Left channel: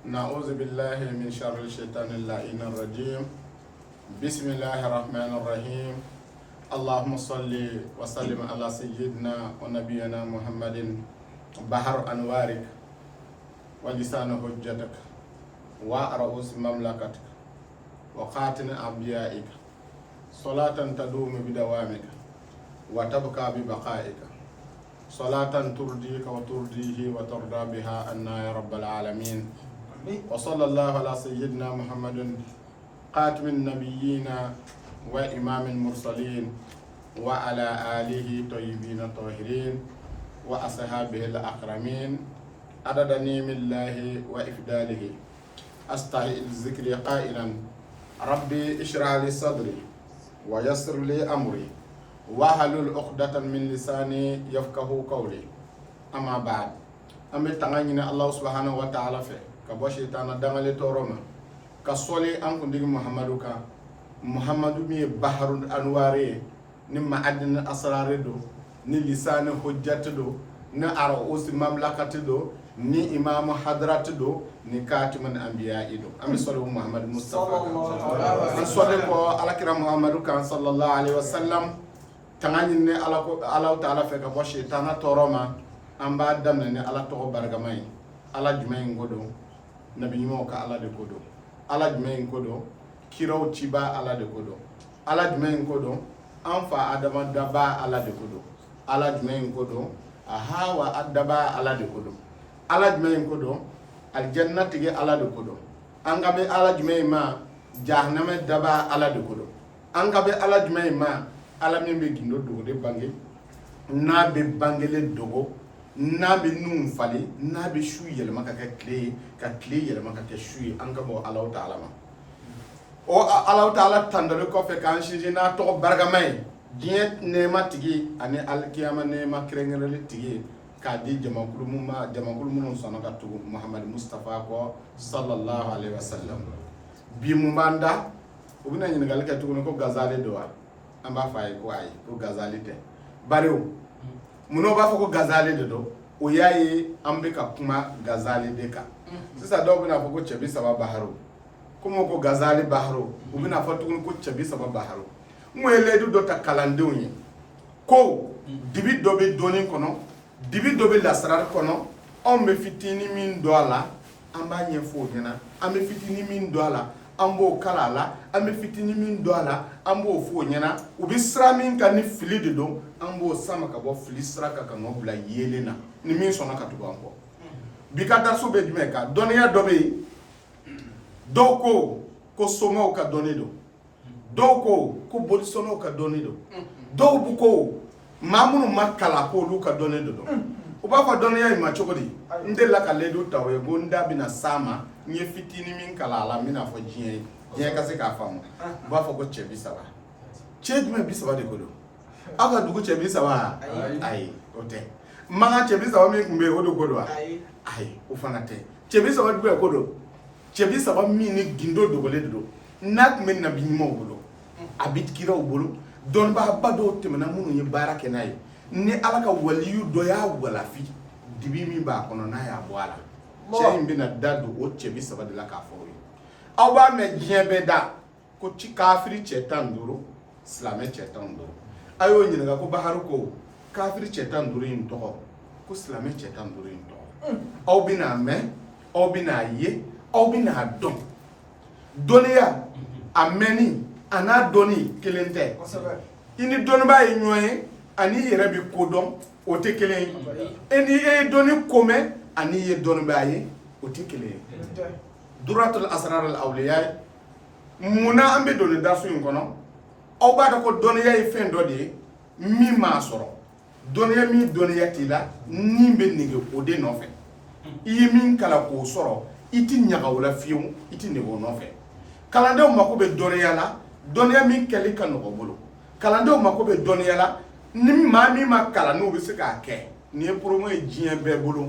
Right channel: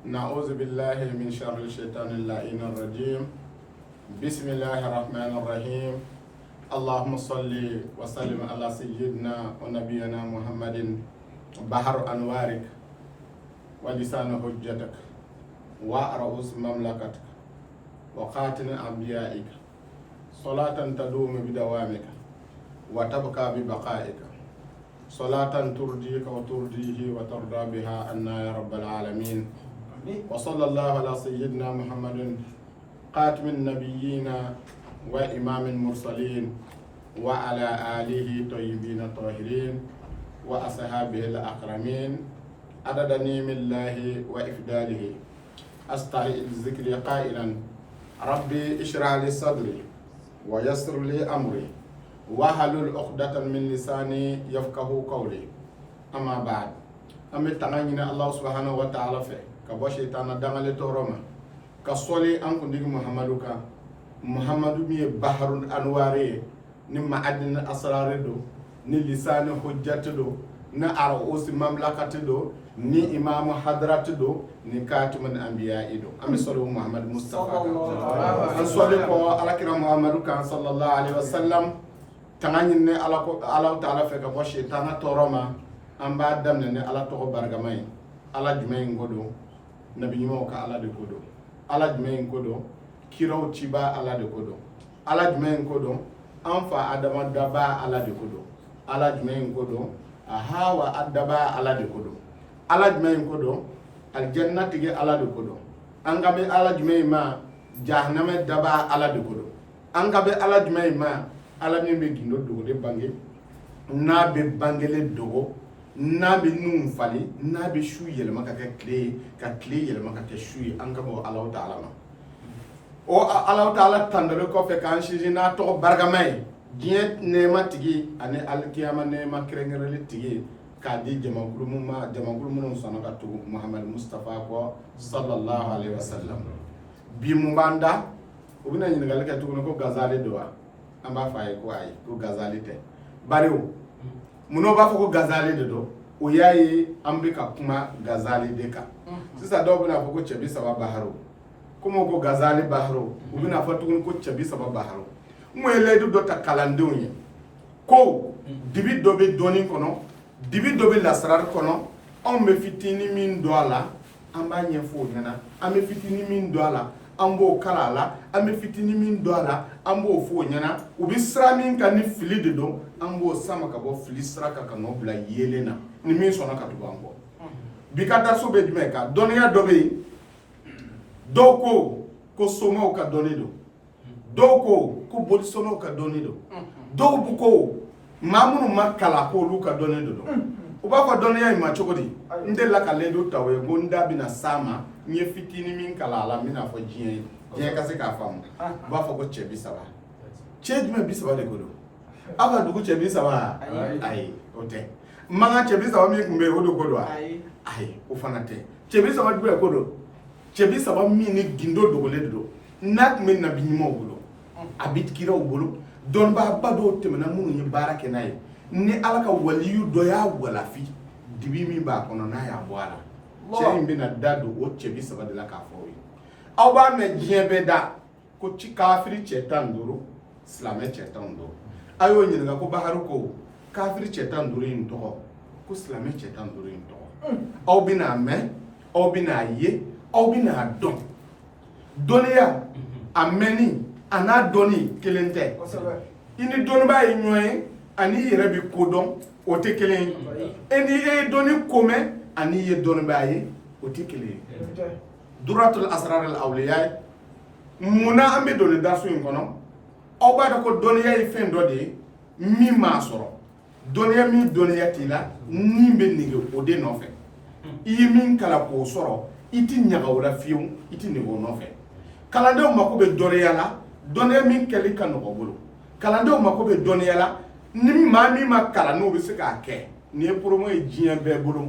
نعوذ بالله من شر الشيطان اللعين الرجيم. بسم الله الرحمن الرحيم. اللهم صل وسلم على سيدنا ونبينا محمد بحر أنوارك ولسان حجتك ورؤوس مملكتك وخاتم أنبيائك صلاة تدوم بدوامك وتبقى ببقائك صلاة ترضيك وترضيه وترضى بها عنا يا رب العالمين. وصلى الله على سيدنا محمد خاتم النبيين وإمام المرسلين وعلى آله طيبين الطاهرين وأصحابه الأكرمين عدد نعم الله وإفضاله. أستحي الذكر قائلا ربي اشرح لي صدري ويسر لي أمري واحلل عقدة من لساني يفقهوا قولي. أما بعد أمي تغنينا الله سبحانه وتعالى في كبو شيطان دغالي توروما كسولي أنكو ديغ محمد مي بحر الأنواري نما عدن أسرار دو ni lisani hujjati do ni arausi mamlakati do ni imamu hadrati do ni katimun anbiya'i do. Ami solu Muhammad Mustafa an solu ko alakira Muhammadu kan sallallahu alaihi wasallam tangani ne ala ta'ala fe ka bo shaytana toroma an ba damne ne ala to bargamay ala jumay ngodo nabi nyimo ka ala de kodo ala jumay ngodo kiraw tiba ala de kodo ala jumay ngodo an fa adama daba ala de kodo ala jumɛn ko don a hawa adaba ala de ko don ala jumɛn ko don aljanna tigi ala de ko don an ka bɛ ala jumɛn ma jahannama daba ala de ko don an ka bɛ ala jumɛn ma ala min bɛ gindo dogo de bange n'a bɛ bangele dogo n'a bɛ nun fali n'a bɛ su yɛlɛma ka kɛ tile ye ka tile yɛlɛma ka kɛ su ye an ka bɔ ala ta'ala ma o ala ta'ala tandale kɔfɛ k'an sinsin n'a tɔgɔ barikama ye diɲɛ nɛɛma tigi ani alikiyama nɛɛma kɛrɛnkɛrɛnlen tigi k'a di jamakulu minnu sɔnna ka tugu Muhammad Mustafa kɔ sallallahu alaihi wasallam. Bi mun b'an da u bɛna ɲininkali kɛ tuguni ko gazali don wa? An b'a fɔ a ye ko ayi ko gazali tɛ. Bari o mun'o b'a fɔ ko gazali de don o y'a ye an bɛ ka kuma gazali de kan. Sisan dɔw bɛna fɔ ko cɛbi saba baharo komi ko gazali baharo u bɛna fɔ tuguni ko cɛbi saba baharo. Mweledu dɔ ta kalandenw ye ko dibi dɔ bɛ dɔɔnin kɔnɔ dibi dɔ bɛ lasarari kɔnɔ anw bɛ fitinin min don a la an b'a ɲɛfɔ o ɲɛna an bɛ fitinin min don a la an b'o kala a la an bɛ fitinin min don a la an b'o fɔ o ɲɛna u bɛ sira min kan ni fili de don an b'o sama ka bɔ fili sira kan ka n'o bila yeelen na ni min sɔnna ka tugu an kɔ. Bi ka daraso bɛ jumɛn kan dɔnniya dɔ bɛ yen dɔw ko somaw ka dɔnni don dɔw ko bolisɔnnaw ka dɔnni don dɔw bu ko maa minnu ma kalan ko olu ka dɔnni don u b'a fɔ dɔnniya in ma cogo di n delila ka ledu ta o ye ko n da bɛna s'a ma n ye fitinin min kalan a la n bɛna fɔ diɲɛ ka se k'a faamu u b'a fɔ ko cɛ bi saba cɛ jumɛn bi saba de ko don aw ka dugu cɛ bi saba ayi o tɛ mankan cɛ bi saba min tun bɛ yen o de ko don wa ayi o fana tɛ cɛ bi saba jumɛn ko don cɛ bi saba min ni gindo dogolen de don n'a tun bɛ nabi ɲumanw bolo a bɛ kiraw bolo dɔnnibaaba dɔw tɛmɛna minnu ye baara kɛ n'a ye ni ala ka waliyu dɔ y'a walafi dibi min b'a kɔnɔ n'a y'a bɔ a la cɛ in bɛna da don o cɛ bi saba de la k'a fɔ o ye aw b'a mɛn diɲɛ bɛɛ da ko kafiri cɛ 15 silamɛ cɛ 15 a y'o ɲininka ko baharu ko kafiri cɛ 15 in tɔgɔ ko silamɛ cɛ 15 in tɔgɔ aw bɛna mɛn aw bɛna ye aw bɛna dɔn dɔnniya a mɛnni a n'a dɔnni kelen tɛ i ni dɔnnibaa ye ɲɔgɔn ye ani i yɛrɛ bɛ ko dɔn o tɛ kelen ye e ni e ye dɔnni ko mɛn ani i ye dɔnnibaa ye o tɛ kelen ye. Duratul asrar al awliya munna an bɛ don ni daso in kɔnɔ aw b'a dɔn ko dɔnniya ye fɛn dɔ de ye min m'a sɔrɔ dɔnniya min dɔnniya t'i la ni bɛ nege o de nɔfɛ i ye min kalan k'o sɔrɔ i ti ɲaga o la fiyewu i ti nege o nɔfɛ. Kalandenw mako bɛ dɔnniya la dɔnniya min kɛli ka nɔgɔ bolo kalandenw mako bɛ dɔnniya la ni maa min ma kalan n'o bɛ se k'a kɛ ni ye promo ye diɲɛ bɛɛ bolo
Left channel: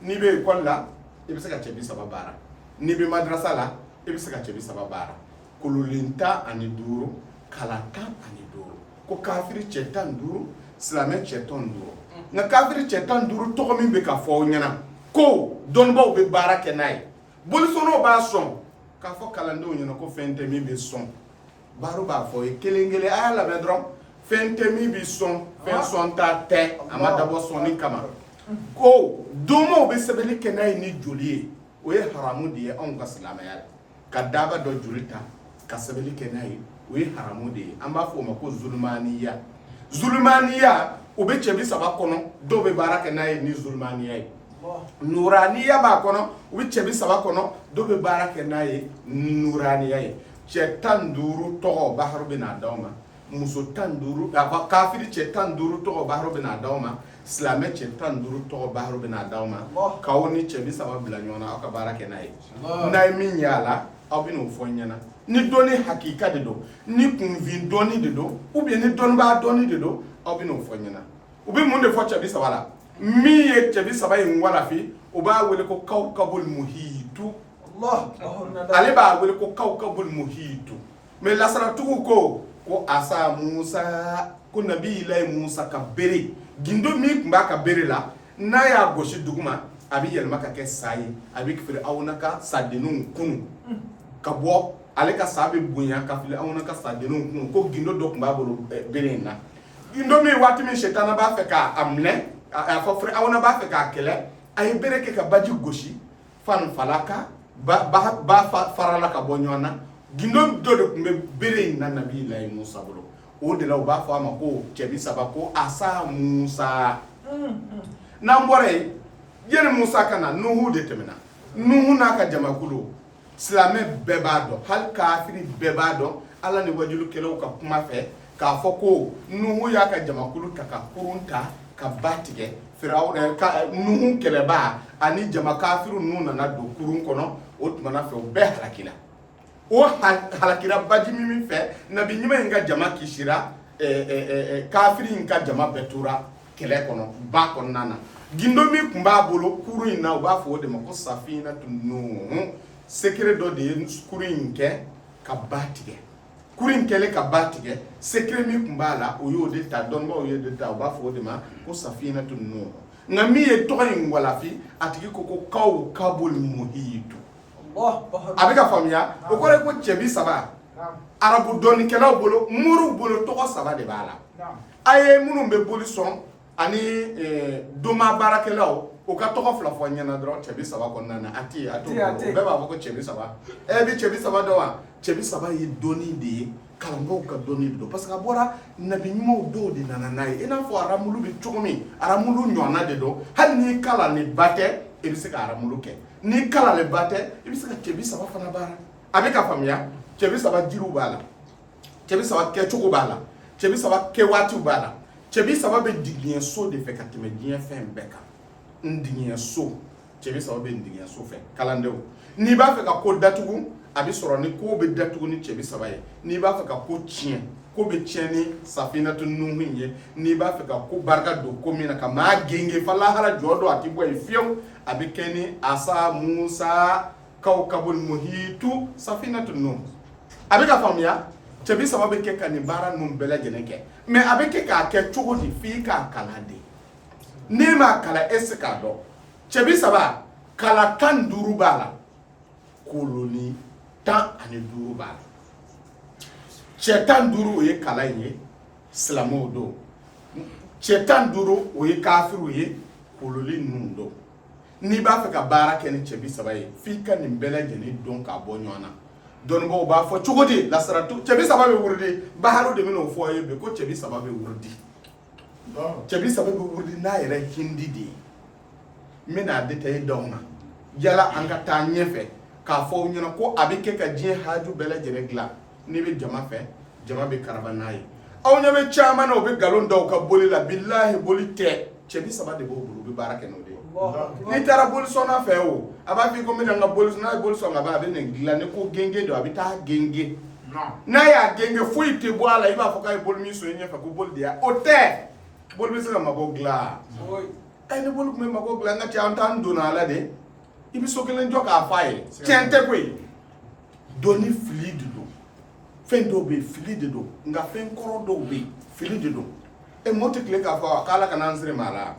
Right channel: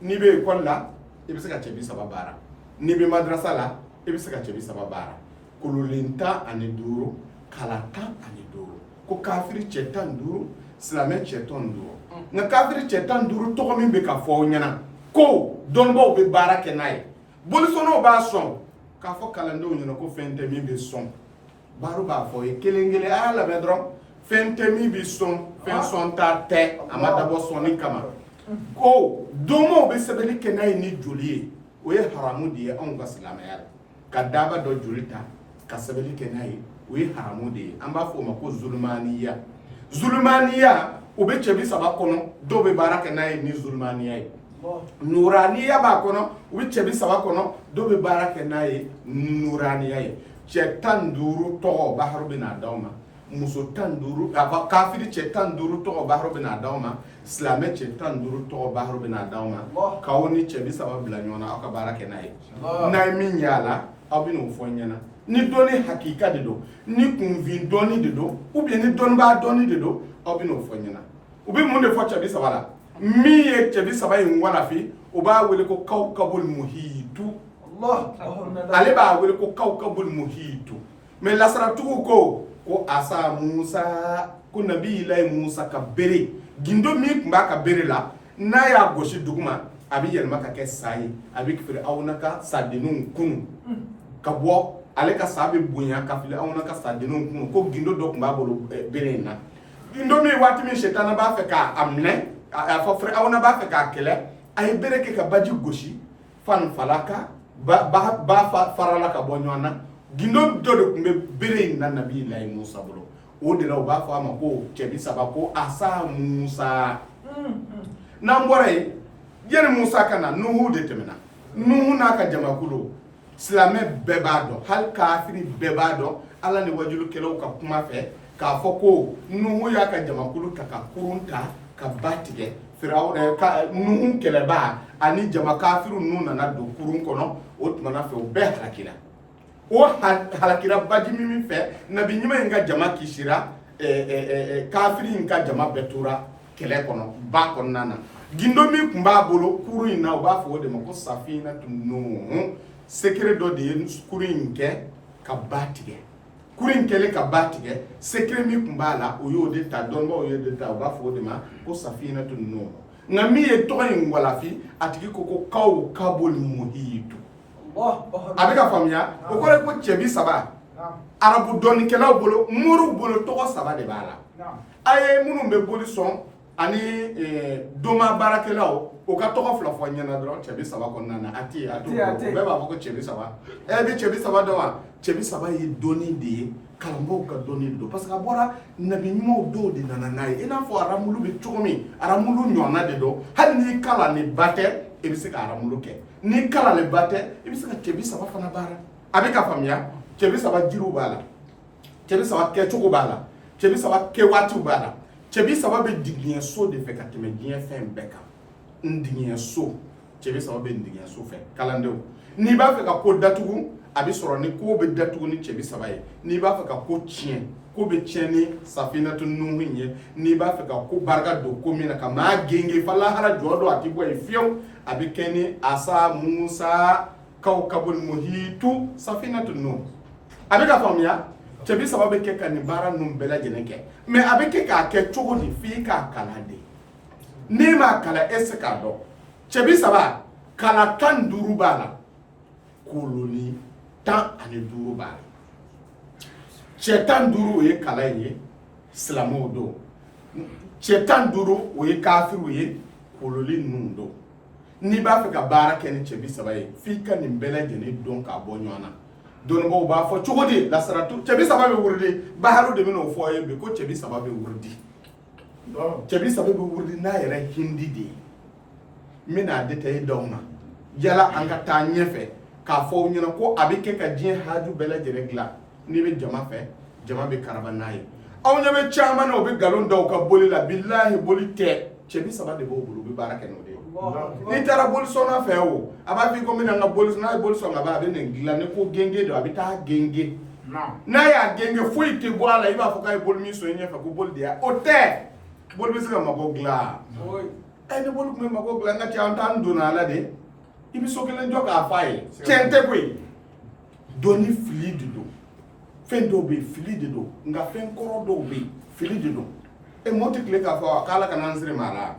n'i bɛ ekɔli la i bɛ se ka cɛ bi saba baara n'i bɛ madrasa la i bɛ se ka cɛ bi saba baara kololen 15 kalan 15 ko kafiri cɛ 15 silamɛ cɛ 15 nka kafiri cɛ 15 tɔgɔ min bɛ ka fɔ aw ɲɛna ko dɔnnibaw bɛ baara kɛ n'a ye bolisono b'a sɔn k'a fɔ kalandenw ɲɛna ko fɛn tɛ min bɛ sɔn baro b'a fɔ ye kelen kelen a y'a labɛn dɔrɔn fɛn tɛ min bɛ sɔn fɛn sɔn ta tɛ a ma dabɔ sɔnni kama ko donmow bɛ sɛbɛnni kɛ n'a ye ni joli ye o ye haramu de ye anw ka silamɛya la ka daba dɔ joli ta ka sɛbɛnni kɛ n'a ye o ye haramu de ye an b'a fɔ o ma ko zulumaniya zulumaniya o bɛ cɛ bi saba kɔnɔ dɔw bɛ baara kɛ n'a ye ni zulumaniya ye nuraniya b'a kɔnɔ u bɛ cɛ bi saba kɔnɔ dɔw bɛ baara kɛ n'a ye nuraniya ye cɛ 15 tɔgɔ baharu bɛ n'a d'aw ma muso 15 kafiri cɛ 15 tɔgɔ baharu bɛ n'a d'aw ma silamɛ cɛ 15 tɔgɔ baharu bɛ n'a d'aw ma k'aw ni cɛ bi saba bila ɲɔgɔn na aw ka baara kɛ n'a ye n'a ye min y'a la aw bɛ n'o fɔ n ɲɛna ni dɔnni hakika de don ni kunfin dɔnni de don ou bien ni dɔnnibaa dɔnni de don aw bɛ n'o fɔ n ɲɛna u bɛ mun de fɔ cɛ bi saba la min ye cɛ bi saba in walafi u b'a wele ko kawkabul muhitu ale b'a wele ko kawkabul muhitu mais lasaratigiw ko asa Musa ko nabiyilayi Musa ka bere gindo min tun b'a ka bere la n'a y'a gosi duguma a bɛ yɛlɛma ka kɛ sa ye a bɛ Firawuna ka sadenninw kunu ka bɔ ale ka sa bɛ bonya ka Firawuna ka sadenninw kunu ko gindo dɔ tun b'a bolo bere in na gindo min waati min sitana b'a fɛ k'a minɛ a fɔ Firawuna b'a fɛ k'a kɛlɛ a ye bere kɛ ka baji gosi fan falaka ba farala ka bɔ ɲɔgɔn na gindo dɔ de tun bɛ bere in na nabiyilayi Musa bolo o de la u b'a fɔ a ma ko cɛ bi saba ko asa Musa n'an bɔra yen yanni Musa ka na Nuhu de tɛmɛna Nuhu n'a ka jamakulu silamɛ bɛɛ b'a dɔn hali kafiri bɛɛ b'a dɔn Ala ni wajulukɛlaw ka kuma fɛ k'a fɔ ko Nuhu y'a ka jamakulu ta ka kurun ta ka ba tigɛ Nuhu kɛlɛbaa ani jama kafiru ninnu nana don kurun kɔnɔ o tumana fɛ u bɛɛ halakira o halakira baji min fɛ nabi ɲuman in ka jama kisira kafiri in ka jama bɛɛ tora kɛlɛ kɔnɔ ba kɔnɔna na gindo min tun b'a bolo kurun in na u b'a fɔ o de ma ko safinatu Nuhu secret dɔ de ye kurun in kɛ ka ba tigɛ kurun in kɛlen ka ba tigɛ secret min tun b'a la o y'o de ta dɔnnibaw y'o de ta u b'a fɔ o de ma ko safinatu Nuhu nka min ye tɔgɔ in walafi a tigi ko kawkabul muhitu a bɛ ka faamuya o kɔrɔ ye ko cɛ bi saba arabu dɔnnikɛlaw bolo moriw bolo tɔgɔ saba de b'a la a ye minnu bɛ boli sɔn ani doma baarakɛlaw o ka tɔgɔ fila fɔ ɲɛna dɔrɔn cɛ bi saba kɔnɔna na a tɛ yen a t'o bolo o bɛɛ b'a fɔ ko cɛ bi saba bɛ cɛ bi saba dɔn wa cɛ bi saba ye dɔnni de ye kalanbaw ka dɔnni de don parce que a bɔra nabi ɲumanw dɔw de nana n'a ye i n'a fɔ aramulu bɛ cogo min aramulu ɲɔgɔnna de don hali n'i kalan ni ba tɛ i bɛ se ka aramulu kɛ n'i kalan ni ba tɛ i bɛ se ka cɛ bi saba fana baara a bɛ ka faamuya cɛ bi saba jiriw b'a la cɛ bi saba kɛcogo b'a la cɛ bi saba kɛwaatiw b'a la cɛ bi saba bɛ digiɲɛ so de fɛ ka tɛmɛ diɲɛ fɛn bɛɛ kan n digiɲɛ so cɛ bi saba bɛ n digiɲɛ so fɛ kalandenw n'i b'a fɛ ka ko datugu a bɛ sɔrɔ ni ko bɛ datugu ni cɛ bi saba ye n'i b'a fɛ ka ko tiɲɛ ko bɛ tiɲɛ ni safinatu Nuhu ye n'i b'a fɛ ka ko barika don ko min na ka maa genge fa lahara jɔ don a tɛ bɔ yen fiyewu a bɛ kɛ ni asa Musa kawkabul muhitu safinatu Nuhu a bɛ ka faamuya cɛ bi saba bɛ kɛ ka nin baara ninnu bɛɛ lajɛlen kɛ mais a bɛ kɛ k'a kɛ cogo di f'i k'a kalan de n'i m'a kalan e se k'a dɔn cɛ bi saba kala 15 b'a la koloni 15 b'a la cɛ 15 o ye kalan in ye silamɛw don cɛ 15 o ye kafiriw ye kololi ninnu don n'i b'a fɛ ka baara kɛ ni cɛ bi saba ye f'i ka nin bɛɛ lajɛlen dɔn k'a bɔ ɲɔgɔn na dɔnnibaw b'a fɔ cogo di lasaratu cɛ bi saba bɛ wurudi baharu de bɛn'o fɔ ye bi ko cɛ bi saba bɛ wurudi cɛ bi saba bɛ wurudi n'a yɛrɛ hindi de ye n bɛna détaillé d'aw ma yala an ka taa ɲɛfɛ k'a fɔ aw ɲɛna ko a bɛ kɛ ka diɲɛ haaju bɛɛ lajɛlen dilan n'i bɛ jama fɛ jama bɛ karaba n'a ye aw ɲɛ bɛ caman na u bɛ nkalon da u ka boli la bilahi boli tɛ cɛ bi saba de b'o bolo u bɛ baara kɛ n'o de ye n'i taara bolisɔnna fɛ o a b'a f'i ko n bɛna n ka bolisɔn n'a ye bolisɔn ka ban a bɛ nin dilan ni ko genge don a bɛ taa genge n'a y'a genge foyi tɛ bɔ a la i b'a fɔ k'a ye boli min sɔn i ɲɛfɛ ko boli de y'a o tɛ boli bɛ se ka mago dilan ni boli tun bɛ mago dilan n ka cɛ an t'an donna a la de i bɛ so kelen jɔ k'a f'a ye tiɲɛ tɛ koyi dɔnni fili de don fɛn dɔw bɛ yen fili de don nka fɛn kɔrɔ dɔw bɛ yen fili de don mɔgɔ tɛ tile k'a fɔ k'ala kana an siri maa la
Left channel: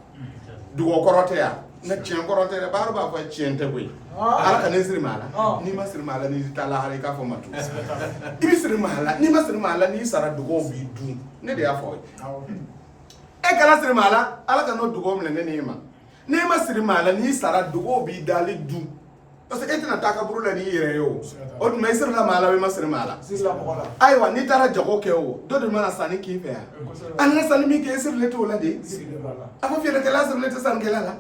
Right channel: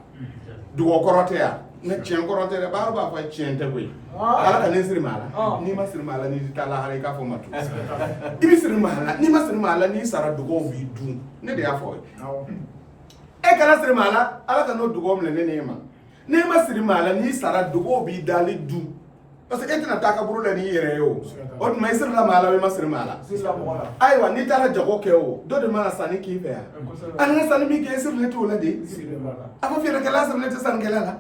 dugɔkɔrɔ tɛ yan na tiɲɛ kɔrɔ tɛ dɛ baara b'a fɔ tiɲɛ tɛ koyi ala ka ne siri maa la n'i ma siri maa la n'i taa lahara i k'a fɔ ma tu i bɛ siri maa la n'i ma siri maa la n'i sara dugaw b'i dun ne de y'a fɔ e kana siri maa la ala ka n'o dugaw minɛ ne n'e ma n'i ma siri maa la n'i sara dugaw b'i dali dun parce que e tɛna taa kaburu la n'i yɛrɛ ye o tuma i sirila maa la o i ma siri maa la ayiwa n'i taara jago kɛ o dɔ de mana sanni k'i fɛ yan a nana sanni min kɛ e sirilen t'o la de a ko feerekɛla sirilen tɛ sannikɛla la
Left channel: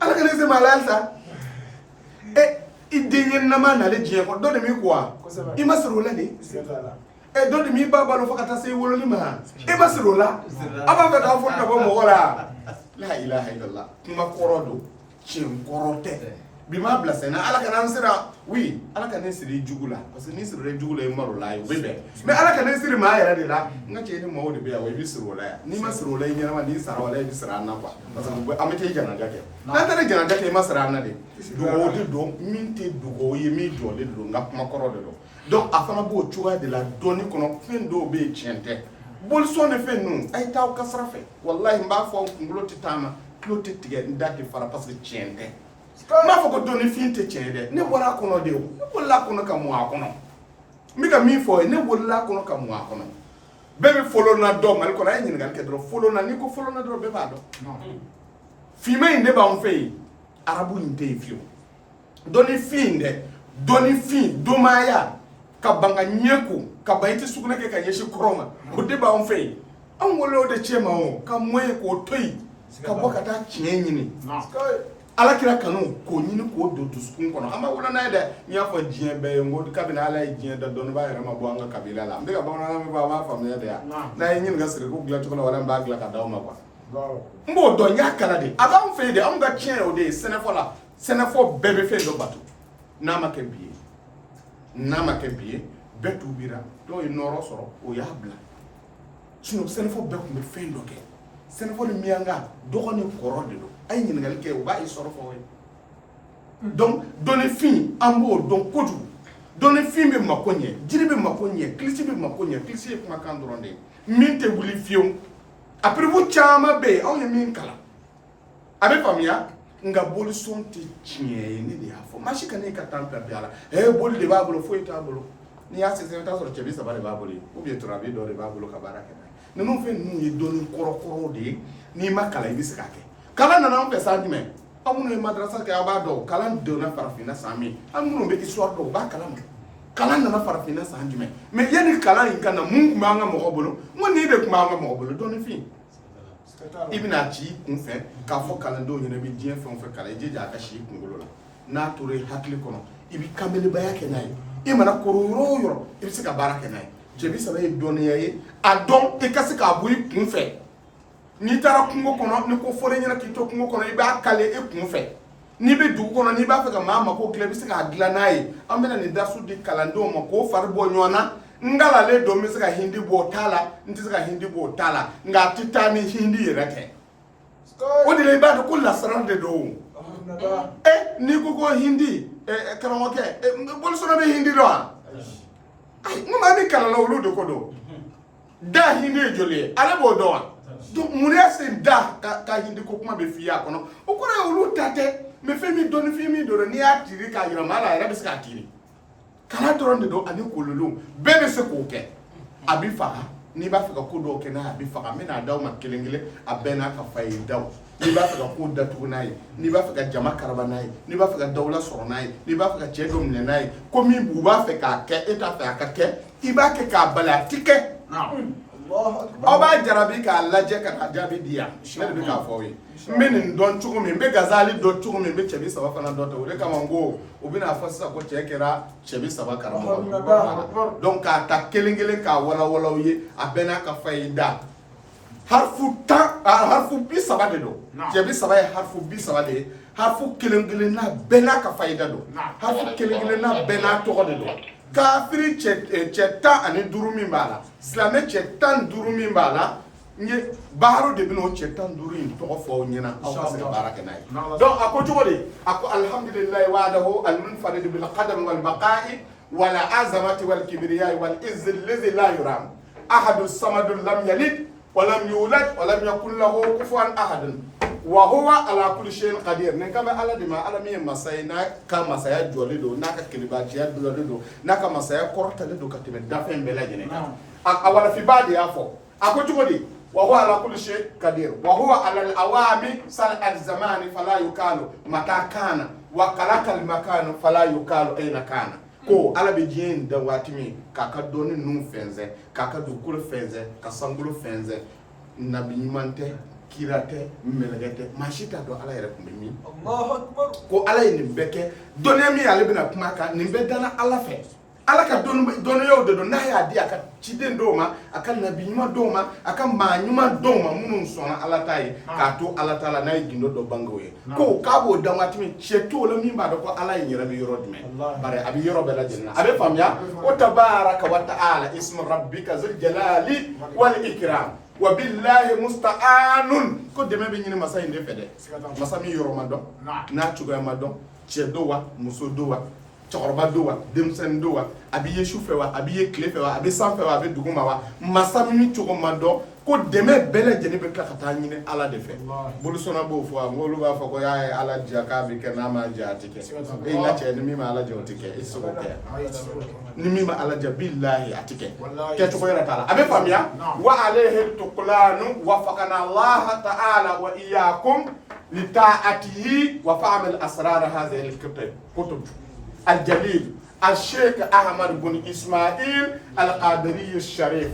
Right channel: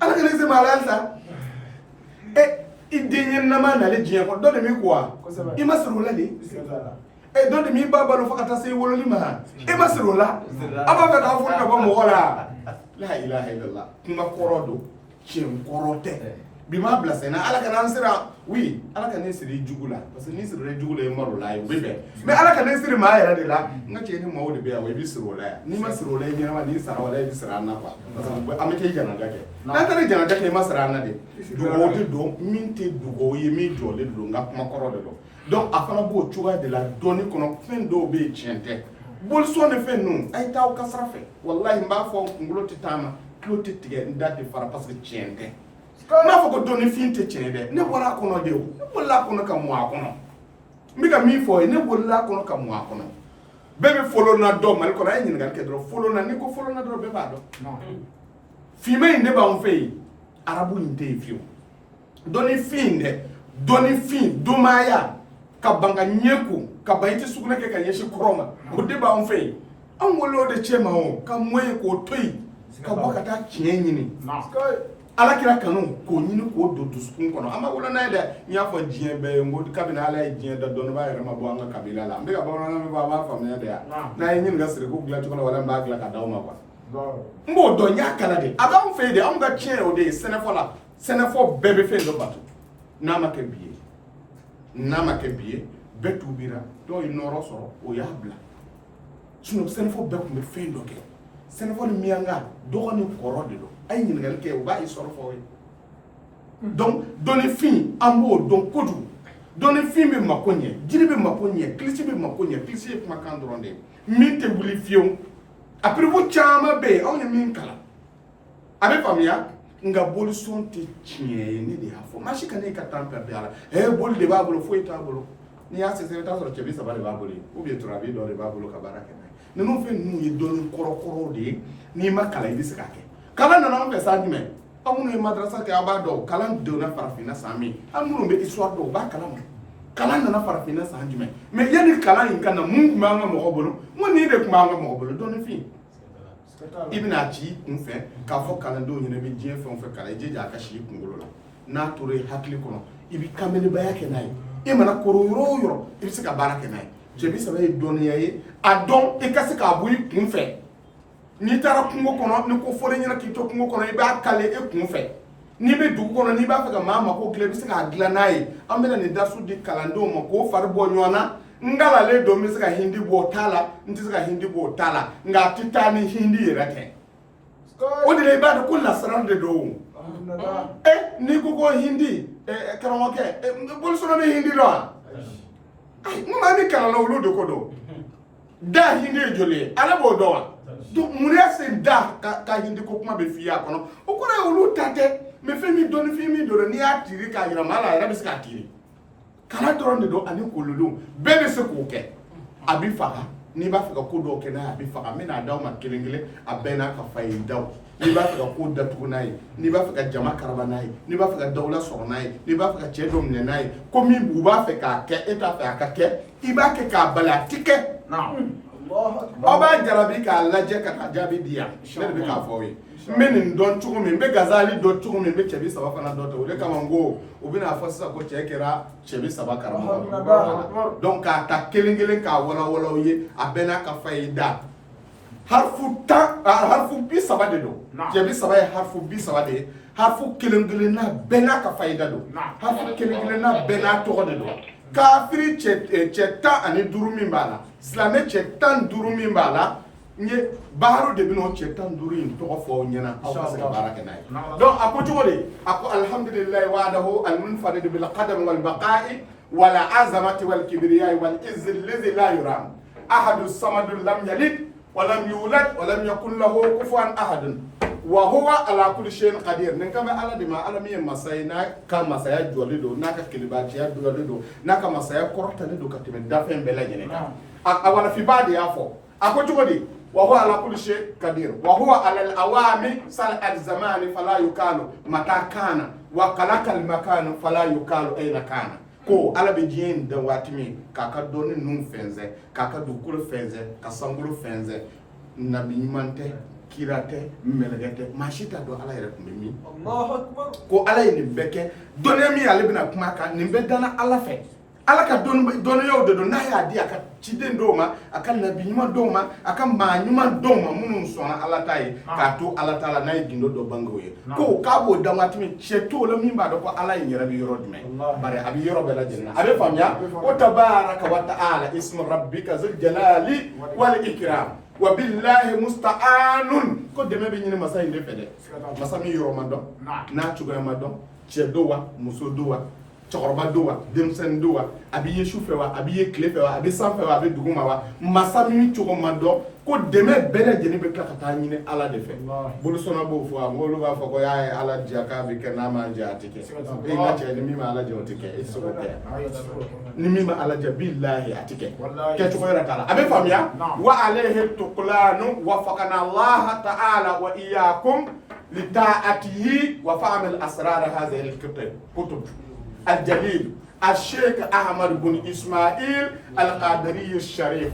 ala ka ne siri maa la halisa i den ye nama nalen diɲɛ kɔnɔ dɔ de m'i ko wa i ma siri o la de dɔ de m'i ba balo fo ka taa se i wololi ma i ma siri o la a b'a fɛ k'a fɔ ka bɔ mɔgɔ la la ilaha illallah kuma kɔrɔ don tiɲɛ kɔrɔ tɛ bi ma bila sen na ala ka n'an sira oui ala ka ne siri jugu la parce que ni siri jugu la i maro la ye o bɛ bɛn mais ala ka ne siri maa yɛrɛ de la n ka cɛ ni maaw de bɛ yan wa i bɛ siri o la yan n'i ma siri o la i ɲɛnama n'i sara o la i bɛ siri an na quoi parce que an bɛ taa janaja kɛ n'an taara janaja kɛ i ma siri an na de dugawu de don min tɛ dugawu ye min jɔlen don n ka kuma kɔrɔ de don donc a fana b'o cogoya de la dɔɔni kɔnɔ fɛn dɔw bɛ yen tiɲɛ tɛ bolisɔn ni fɛn ninnu a ye taa aw ka sira fɛ walahi n b'a fɔ n kunkolo tɛ taama tulo tɛ tigɛ n da tɛ fara parce que tiɲɛ tɛ n b'a fɔ ko dɔnnifin tɛ tiɲɛ dɛ ne bɔra a kɔnɔ de o ne bolila a kɔnɔ ka mun a kɔnɔ n bɛ ka min fɔ ye ne bolila a kɔnɔ ka mun a kɔnɔ bɛɛ bɛ folona dɔn mali kɔnɔ a ye ɲininkali kɛ dɔrɔn folona n'i ko folona dɔrɔn bɛɛ b'a dɔn finman in de b'anw fɛ yen arabu in tɛ yen fiyewu dɔnnifin dɛ dɔnnifin domaya ka ban ka ɲɛ ko ka ban i tɛ sugunɛ kɛ ka ɲɛsin kɔrɔ ma o de b'anw fɛ yen anw wele o de cɛ ma o ka mɔ yen k'o to yen ka bɔ ka taa tiɲɛ ɲini ala kira kanu k'o ɲini k'o don dusukun kɔnɔ an b'a wolo n'a ye dɛ n y'a fɔ diɲɛ bɛɛ ye n ko kabini ala ye diɲɛ da dɔnnibaa yɛrɛ ma bɔ an ka kabila la n bɛ ka bamanankan min fɔ a b'a faamuya de yan n'a ye ɲininka siriku dilan cogo la wala n b'a dilan ka d'aw ma quoi n b'o dɔn n y'a kala de a b'anw fɛ yen de anw ka tiɲɛ o de ye sɛnɛfɔ la sɛnɛfɔ bɛɛ bɛ fɛn dɔ bato n'a ma kɛ bi ye n'a ma kɛ bi ye bɛɛ tuubira dɔw ye nɔɔrɔ sɔrɔ o y'a bila sɛnɛfɔ bɛɛ tun bɛ fɛn dɔ kɛ sɛnɛfɔ ni miyanka dɔgɔ ni kɔrɔ de don a ye ɲininkali kɛ o b'a sɔrɔ fɔ ye donc dɔnnifin an b'o dɔn kojugu dɔnnifin bɛ mako ɲɛ jiri bɛ mako ɲɛ kilisi bɛ mako ɲɛ kilisi ye kumakan dɔrɔn de ye min tɛ wuli fiyewu a piribu caman bɛ yen anw ye min kalan a bɛ faamuya nka bolisɔn tɛ tiɲɛ ye ne de y'a fɔ maa si ka ne ka temps perdre a la boli de b'a bolo foyi t'a bolo n'i y'a sɛgɛsɛgɛ i bɛ t'a sɔrɔ cɛbi saba de b'a bolo ou bien turabi dɔ de b'a bolo ka baara kɛ n'a ye ninnu fɛn ninnu ye dɔnni kɔrɔ de ye n'i ma kalan i bɛ se k'a kɛ kalan nana an fɛ san jumɛn aw minnu ye madrasa kɛ aw b'a dɔn kalan donna farafinna san min an minnu bɛ histoire dɔn u b'a kalan ma kalan nana farafinna san jumɛn mais yanni kalan in ka na mun tun b'an ka mɔgɔ bolo n ko nin de tun b'an ka mɔgɔ bolo dɔnnifin i bɛna ci i kun fɛ k'a fɔ kalandenw ɲɛna i bɛ diɲɛ fɛn o fɛn kalan i jija a ka si i kunkolo la n'a tora i hakili kɔnɔ i bɛ kanbɛlibaya kɛ n'a ye i mana koro yɔrɔ o yɔrɔ i bɛ se ka baara kɛ n'a ye cɛbi saba ye dɔnniya ye a dɔn i ka se k'a bɔ i kun fɛ n'i taara kungo kɔnɔ ni ko fɔlen ɲɛna k'i to kungo kɔnɔ i b'a kale i kun fɛ n'i bɛ dugu kɔnɔ n'i b'a fɛ ka maa mako dilan i bɛ se k'a dilan n'a ye an bɛna nin dasu di kalandenw ma k'o fari bɔ ɲɔgɔn na n galalen don n bɛ se ka hindi bɔ o t'a la n tɛ se ka hindi bɔ o t'a la nka a tɛ taa ni hindi yɛrɛ tɛ o de la i b'a dɔn ko lasara de don n'i ko ko hindi karamɔgɔkɛ bolisɔn bɛ hindi dɔn wa n ko maa min kalanna olu de ko don da hindi ye joli ye ale b'o dɔn wa donc mun y'a se da ka hindi ko kuma bɛ f'i ye a kɔnɔ o kɔrɔ ye olu ta tɛ mais fɛn min dɔnnifin min don n'i y'a tiri k'a yira maa la a yɛrɛ bɛ se k'a tiri kalan dɔrɔn de don ani kololu bɛɛ bɛ se k'o kɛ a bɛ faga n'i b'a fɛ ka ko dɔw kɛ n'a ye a bɛ faga n bɛna d'aw ma kelen kelen a bɛɛ n'a ka fayidaw n'i b'a fɛ ka ko datugu n'a ye n'i b'a fɛ ka jama karaba n'a ye n'i b'a fɛ ka dawula sɔrɔ n'a ye n'i b'a fɛ ka cɛ dɔ minɛ n'a ye ko min u b'a fɛ k'a kɛ e t'a fɛ a ka kɛ i b'a kɛ k'a bali a ti kɛ aw b'a jarabi k'a lajɛ ka taa jaabi di yan ne de bɛ k'a fɔ aw ye n bɛ nin dɔn cogo min n bɛ gazali dɔn cogo min n bɛ cɛbi saba fana dɔn ten o de kama n ko u bɛna fɔ sisan ko cɛ kɛra cɛbi saba karamɔgɔ donc k'a ta kelen kelen k'a walawala aw ye a bɛɛ n'a ka fayida harfu 10 harfu 30 de don cɛbi saba ye harfu 30 de ye harfu kelen kelen n'a bɛɛ n'a ka fayida don harfu kelen kelen n'a bɛɛ n'a tɔgɔ de don kafiri cɛ 15 min b'a la silamɛ cɛ 15 min b'a la n ye baaro de bɛna o cɛ 15 in tɔgɔ fɔ aw ɲɛna aw ka se ka baara kɛ n'a ye donc a ko cogo di a ko alhamdulilayi wahdahu al-munfarid bil qadam wal baqa'i wal azamati wal kibriya wal izz alladhi la yuram ahadu samadu lam yalid wa lam yulad wa lam yakul lahu kufuwan ahad wa huwa ala kulli shay'in qadir nin kama ala di ma ala mi masay na ka masaya joli do na ka kilibati ya do na ka masaya korta do ka tebe dafen bela jene awala fi badi yafo ako jugodi wa huwa ala kulli shay'in qadir wa huwa ala al awami sal al zaman fala yukalu mata kana wa qalata al makan fala yukalu ayna kana ko ala be jien da watimi kaka doni num fenze kaka do kul fenze ka sangulu fenze nabi mante kirate melgete mashita do ala yere kumbe mi Allahu akbar ko ala ni beke doni mi ala bina kuma ka ni be dana ala fe ala ka don yo de don na ya di aka chiden do ma aka nabi nyuma do ma aka ma nyuma do ma munun sona ala tai ka to ala taala na gindo do bangoye ko ka bo dan watimi cheto la mi ba do ko ala yere bi yoro dime bare abi yoro be la jenna abe famya o tabaraka wa taala ismu rabbika zul jalali wal ikram wa billahi musta'anun ko deme be nyine masa inde fede masa mi yoro ma do na chugo ma do che do wa muso do wa chokoroba do wa demsen do wa abi yesu fe wa abi ye kle fe wa abi san fe wa abi duguma wa masa mi chugo ma do ko deme bele jeni be kata nyine ala de fe bolu sona bo fo ngolu ba fo ko yae ala jaka bi kana ma jatike e na che ni mi ma ala jotike isugo ke ni mi ma ala jabillahi atike ke chugo yara tala abe famia wa alayhi tuqlanu wa faqana allah ta'ala wa iyyakum li ta'atihi wa fa'mal asrar hadhihi al-kutub الجليل الشيخ أحمد بن إسماعيل القادري الشريف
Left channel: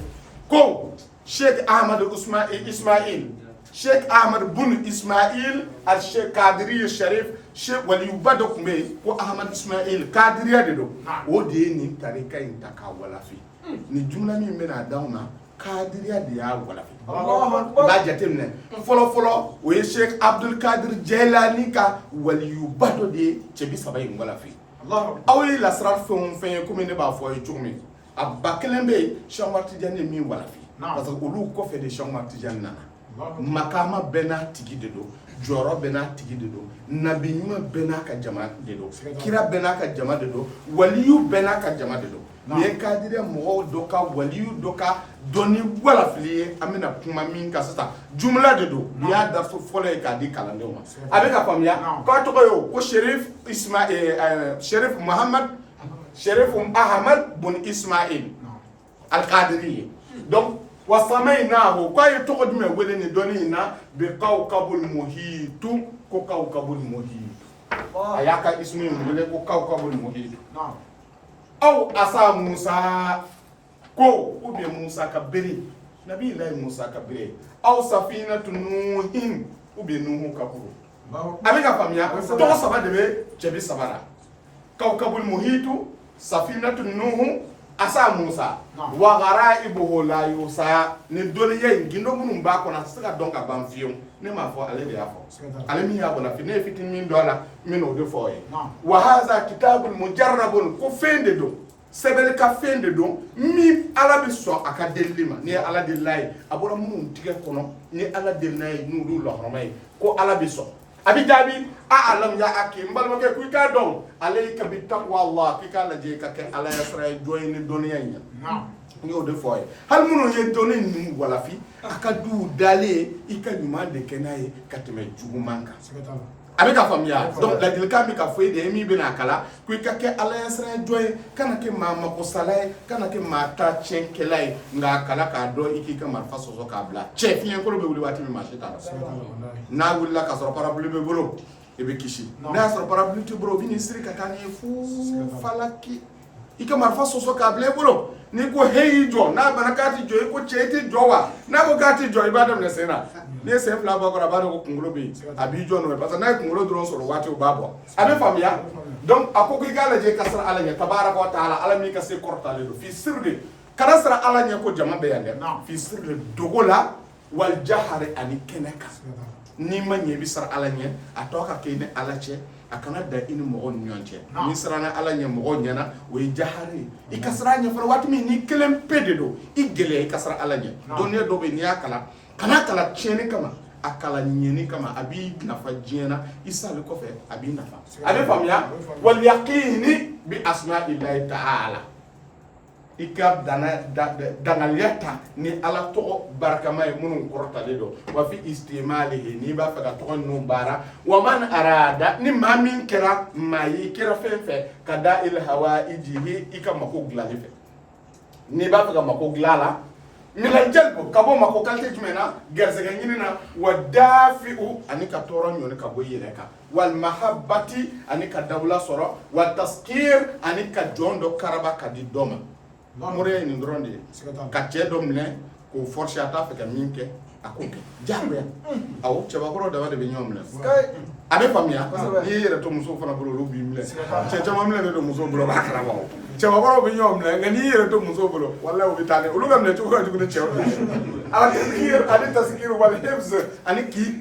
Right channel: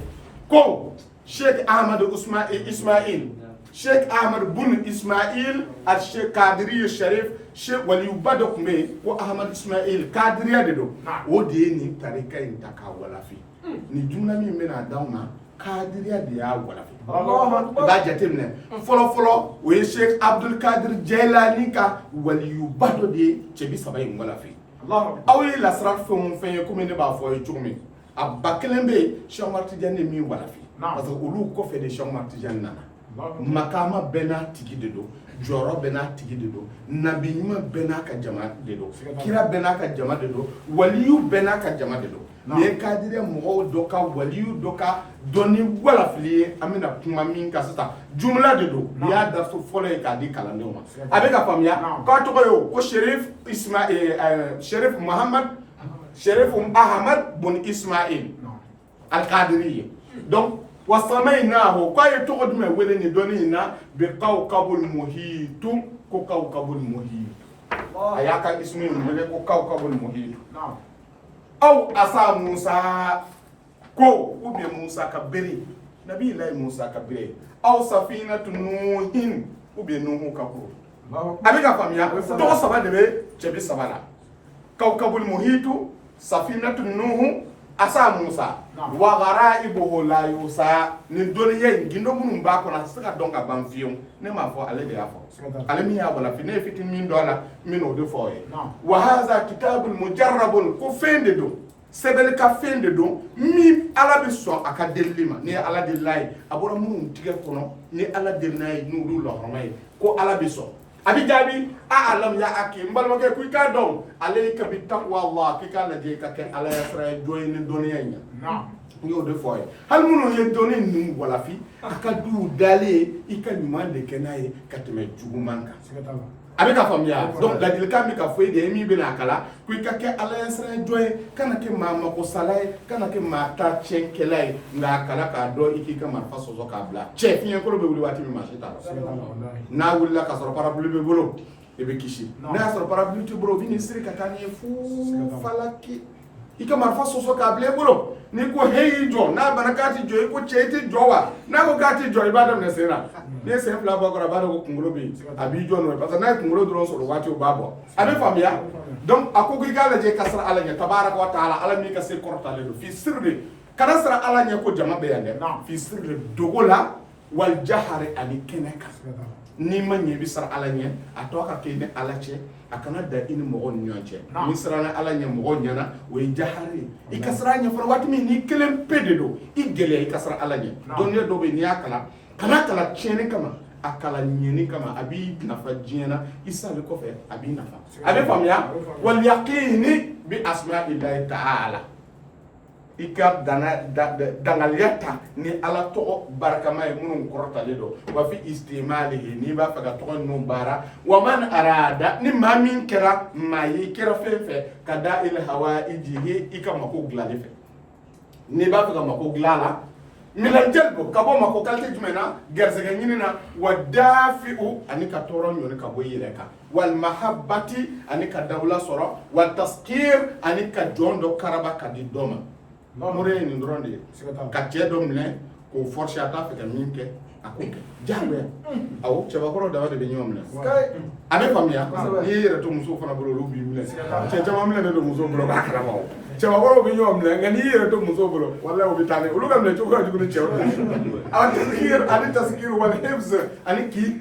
كو شيخ أحمد إسماعيل شيخ أحمد بن إسماعيل الشيخ قادري الشريف شيخ ولي بدك مي وأحمد إسماعيل قادري أدو ودي نين تاريكا ينتكا ولا في نجمنا من أداونا قادري أديا ولا في ba jatemne folo o Sheikh Abdul Qadir Jailani ka wali bado de chebi sabay wala fi awi la sraf fon fen ko min ba fo yumi abba kelembe Cheikh Martidiane mi wala fi parce que olu ko fe de Cheikh Martidiane nana makama bena tigi de do joro bena tigi de do nabi nyuma bena ka jama de do kira bena ka jama de do waliyu bena ka jama de do me kadire mo do ka waliyu do ka doni wala fili amina kuma min ka sata jumla de do ya da so fole ka di kalande ma abe ka famia ko to yo ko Sherif Ismail Sherif Muhammad Sherif Ahmad bun Ismail al-Qadiri donc وسميناه كاي تقد ما ولني دونينا بكوكب المحيط كوكب المحيط اياك اسمه ملك كوكب المحيط او اسا موسى كو وبي موسى كبري نبي الله موسى كبري او سفينه نوح وبي نوح كبر ابيك فاميا تو سبا دبي تشبي سبارا كوكب المحيط سفينه نوح asa Musa wa garaibuhu la yusa ni doniye ngindo munum ba ko na saka donka banfiyon ne ma fo ale de afo ale mi ya bala fi ne fitin min dola min o de foye wa hadha kitabul mujarrabun ko fende do sebel ka fende do mi ala bi so aka delima ni ala de lay abora munum tige kono ni ala de nay nudu lo hormay ko ala bi so abi jabi a'lam ya akim mbal ma ke kuy ka do alayka bi taqwa allah ki ka la je ka ke ala yasra joyni doniya nya yo de foy hal munu ye doni ni wala fi aka du dale ika nyuma de kenaye katme jugumanka abi ka famia donc la dil ka mi ka foy de mi bina kala kuy ka ke ala yasra joy kana ke mama ko salay kana ke mata chenkelay nga kala ka do iki ka marfa sozo ka bla chef yen ko be wuli wati mi machita na wulla ka soro parablu be bolo e be kishi na soro parablu tu bro vini siri ka tani fu falaki ika marfa soso ka ble bolo ni ko heyi jo na barakati jo ko cheti jowa na ko gati jo ibadam ne sena ne se fla ba ko rabaro ko kungulo be abi jo no parce que na kungulo dron soro wati o babo abi famia donc akoko igala je kasra ala nya tabaraka wa taala ala mi ka se korta le fi sirri kana sara ala nya ko jama be yande fi sirri dogola wal jahari ali keneka ni manye bi sara ala nya atoka ke ne ala che akana da ini mogo nyonche ni sara na ala nya mogo nyana we jahari ikasra nya fara watmi ni kelem pededo igele ikasra ala nya donye do be ni akala kana kala chene kama akala nyeni kama abi nafa jena isa le kofe abi nafa abi famia wal yaqini bi asma'illahi ta'ala ika dangaliyata ni ala tɔgɔ barakama ye minnu kɔrɔtalen don wa fi istimalihi n'i b'a fɛ ka tɔgɔ ninnu baara wa man arada ni maa min kɛra maa ye kɛra fɛn fɛ ka da il hawaijihi i ka mako dilanli fɛ n'i b'a fɛ ka mako dilan la minal jalbu ka bɔ mako kalite jumɛn na garisɛgɛ ɲini na wa dafi'u ani ka tɔɔrɔ ɲɔni ka bɔ i yɛrɛ kan wal mahabbati ani ka dabula sɔrɔ wa taskir ani ka jɔn dɔ karaba ka di dɔ ma mure ye nin dɔrɔn de ye ka cɛ dɔ minɛ k'o forcer a t'a fɛ ka min kɛ a k'o kɛ diyagoya awɔ cɛbakɔrɔ dama de bɛ ɲɔgɔn minɛ a bɛ faamuya n'i y'i yɛrɛ to musow fana bolo olu b'i minɛ cɛ caman minɛ don musow bolo b'a kalama o cɛbakɔrɔw bɛ ɲɔgɔn minɛ nka n'i y'i yɛrɛ to musow bolo walahi o bɛ taa ne olu ka minɛ cogo ka jugu ni cɛw ye ani taskir wal hifz ani k'i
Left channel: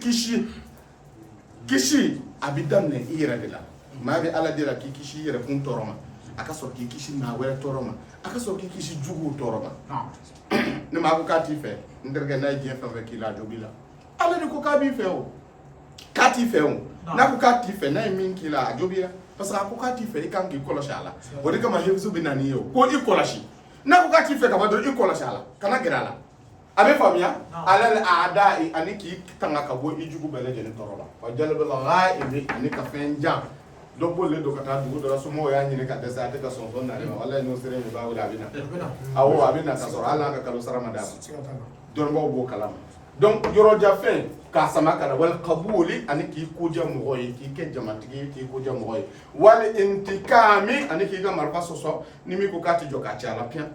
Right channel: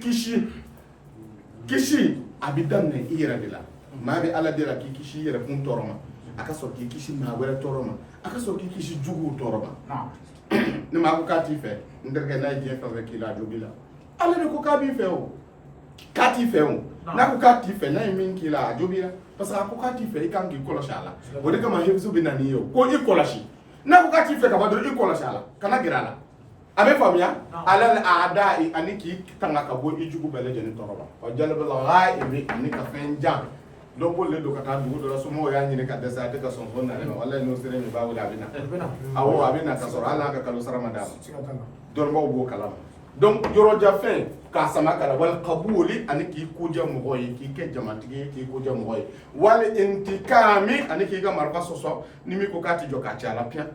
kisi a bɛ daminɛ i yɛrɛ de la maa bɛ ala de la k'i kisi i yɛrɛ kun tɔɔrɔ ma a ka sɔrɔ k'i kisi maa wɛrɛ tɔɔrɔ ma a ka sɔrɔ k'i kisi juguw tɔɔrɔ ma ne maa ko k'a t'i fɛ n terikɛ n'a ye diɲɛ fɛn fɛn k'i la a jo b'i la ale de ko k'a b'i fɛ o k'a t'i fɛ o n'a ko k'a t'i fɛ n'a ye min k'i la a jo b'i la parce que a ko k'a t'i fɛ i kan k'i kɔlɔsi a la o de kama hifzu bɛ na n'i ye o ko i kɔlɔsi n'a ko k'a t'i fɛ ka ban dɔrɔn i kɔlɔsi a la kana gɛrɛ a la a bɛ faamuya alal a'da'i ani k'i tanga ka bɔ i jugu bɛɛ lajɛlen tɔɔrɔ ma wa jalbil ghaibi ani ka fɛn jan dɔ bolilen don ka taa dugu dɔ la somɔgɔw y'a ɲini ka dɛsɛ a tɛ ka sɔn nale ma walahi n'o sera nin b'a wele a bɛ na awɔ a bɛ na ka sɔrɔ hali n'an ka kalo sara ma d'a ma dɔnnibaw b'o kalama donc yɔrɔjan fɛn k'a sama kala wal qabuli ani k'i koja mɔgɔ ye k'i kɛ jamatigi ye k'i koja mɔgɔ ye wal intikami ani k'i ka marifa sɔsɔ ni min ko k'a tɛ jɔ k'a ci a la piyan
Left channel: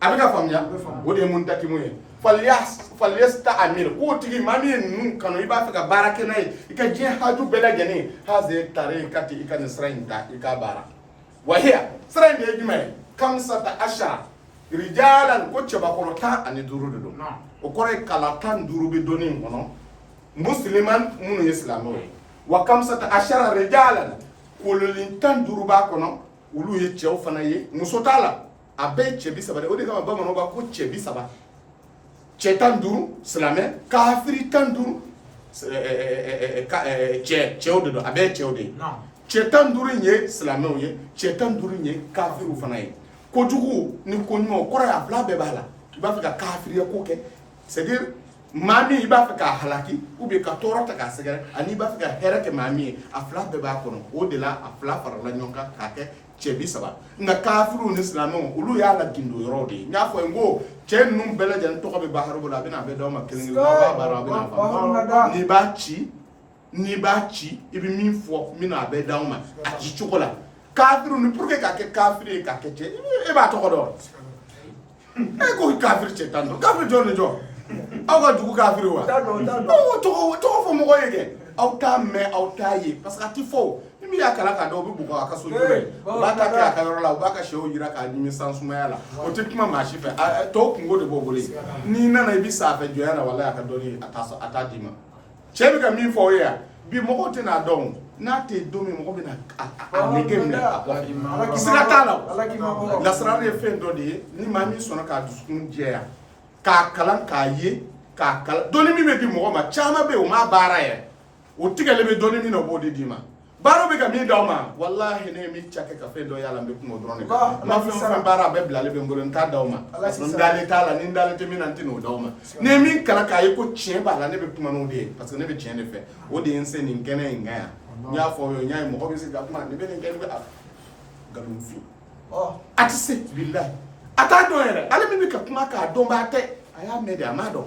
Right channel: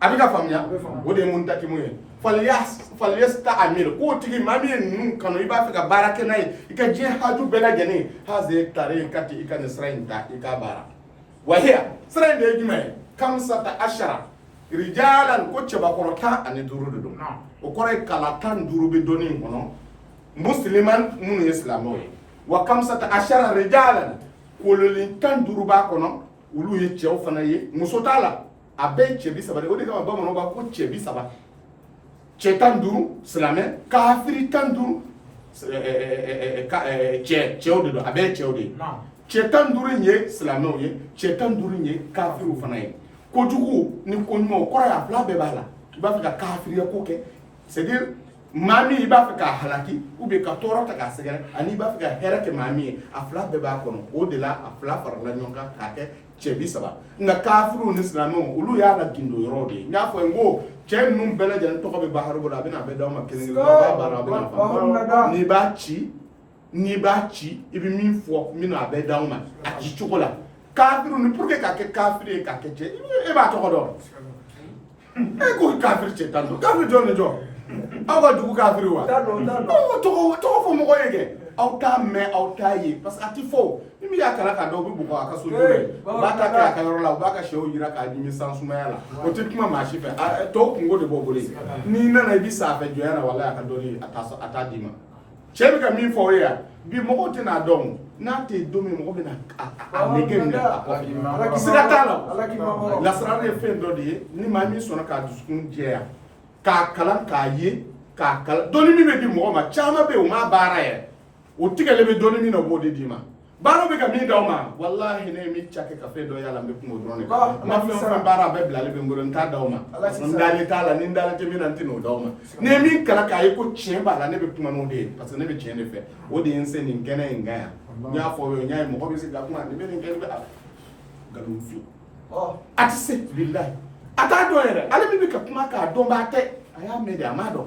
a bɛ ka faamuya o de ye muntakimu ye falyasta'mir k'o tigi maa min ye ninnu kanu i b'a fɛ ka baara kɛ n'a ye i ka diɲɛ haju bɛɛ lajɛlen haze tare ka ten i ka nin sira in ta i k'a baara wa hiya sira in de ye jumɛn ye kamsata ashara rijalan ko cɛbakɔrɔ 15 de don o kɔrɔ ye kala 15 bɛ dɔnni in kɔnɔ musliman minnu ye silamɛw ye wa kamsata ashara rijalan kololi 15 b'a kɔnɔ olu ye cɛw fana ye muso t'a la a bɛɛ ye cɛ 30 de o de kama bamananw b'a ko cɛ 30 cɛ 15 silamɛ kafiri 15 cɛw de don a bɛɛ ye cɛw de ye cɛ 15 in ye silamɛw ye cɛ 15 in ye kafiriw fana ye kojugu ni koɲuman o kɔrɔ ye a fila bɛɛ b'a la i b'a fɛ ka kafiriya ko kɛ c'est à dire maa min i b'a fɛ k'a halaki ou bien ka tɔɔrɔ ta k'a sɛgɛrɛ ani i b'a fɛ ka hɛrɛ kɛ maa min ye a fila bɛɛ b'a kɔnɔ o de la a fila farala ɲɔgɔn kan k'a kɛ cɛ 30 nka kafiriw ni silamɛw olu y'a la gindo yɔrɔ de ye n y'a fɔ n ko cɛ ninnu bɛɛ lajɛlen tɔgɔ bɛ bahari bolo a bɛna a bɛ d'aw ma kelen kelen aw b'a baara a bɛna faamu n'i b'a ci i bɛ min fɔ n bɛna a bɛɛ d'aw ma a ci cogo la kafiriw ni pour que ka kɛ kafiri ye ka kɛ cɛ e b'a tɔgɔ dɔn e ko kafiri cɛ 15 kafiri jɔn ni jɔn aw ka dugu kafiri wa tɔgɔ fɔ mɔgɔ ye kɛ aw t'a mɛn aw t'a ye parce que a ti fɔ ni min y'a kalan k'a dɔn o bɛ bugɔ a ka so jɔ ye u b'a ta kɛ a ka yɔrɔ la u b'a ka sɛw jira k'a ɲimi san sumaya la o tɛ kuma maa si fɛ tɔw kungo de b'o bolo yen n'i nana i bɛ sa a fɛ jɔnya na walahi a ka dɔnni a t'a d'i ma cɛ bɛ ka min fɔ o ye yan bi mɔgɔw tɛ n'a dɔn n'a tɛ don min mɔgɔ bɛ na a nege minɛ a kɔfɛ sira t'a la o lasarali ye fɛn dɔ de ye ni maa min sɔnna k'a dusukun jɛya k'a kalan k'a ye k'a kalan dɔnni min bɛ di mɔgɔ ma caman bɛ yen o m'a baara yɛrɛ o tigɛlen bɛ dɔnni min na o b'o de d'i ma baaraw bɛ ka min d'aw ma walahi ne ye min cakɛ ka fɛn dɔ y'a la n bɛ kuma o dɔrɔn de kan n ma fɛn o fɛn baara a bɛɛ bilalen bɛ n bolo n t'a d'aw ma n dalen t'a la ni n dalen tɛ min na n tɛ n'o d'aw ma ni ye min kalan k'a ye ko tiɲɛ b'a la ne bɛ kuma n'o de ye parce que ne bɛ tiɲɛ de fɛ o de ye n se nin kɛnɛ in kan yan n y'a fɔ o ye n y'a ye mɔgɔ bɛ se ka kuma nin bɛ nin kɛ nin bɛ nkalonfin a tɛ se bilahi a t'a dɔn yɛrɛ ale min bɛ ka kuma k'a dɔn b'a tɛ a y'a mɛn de a m'a dɔn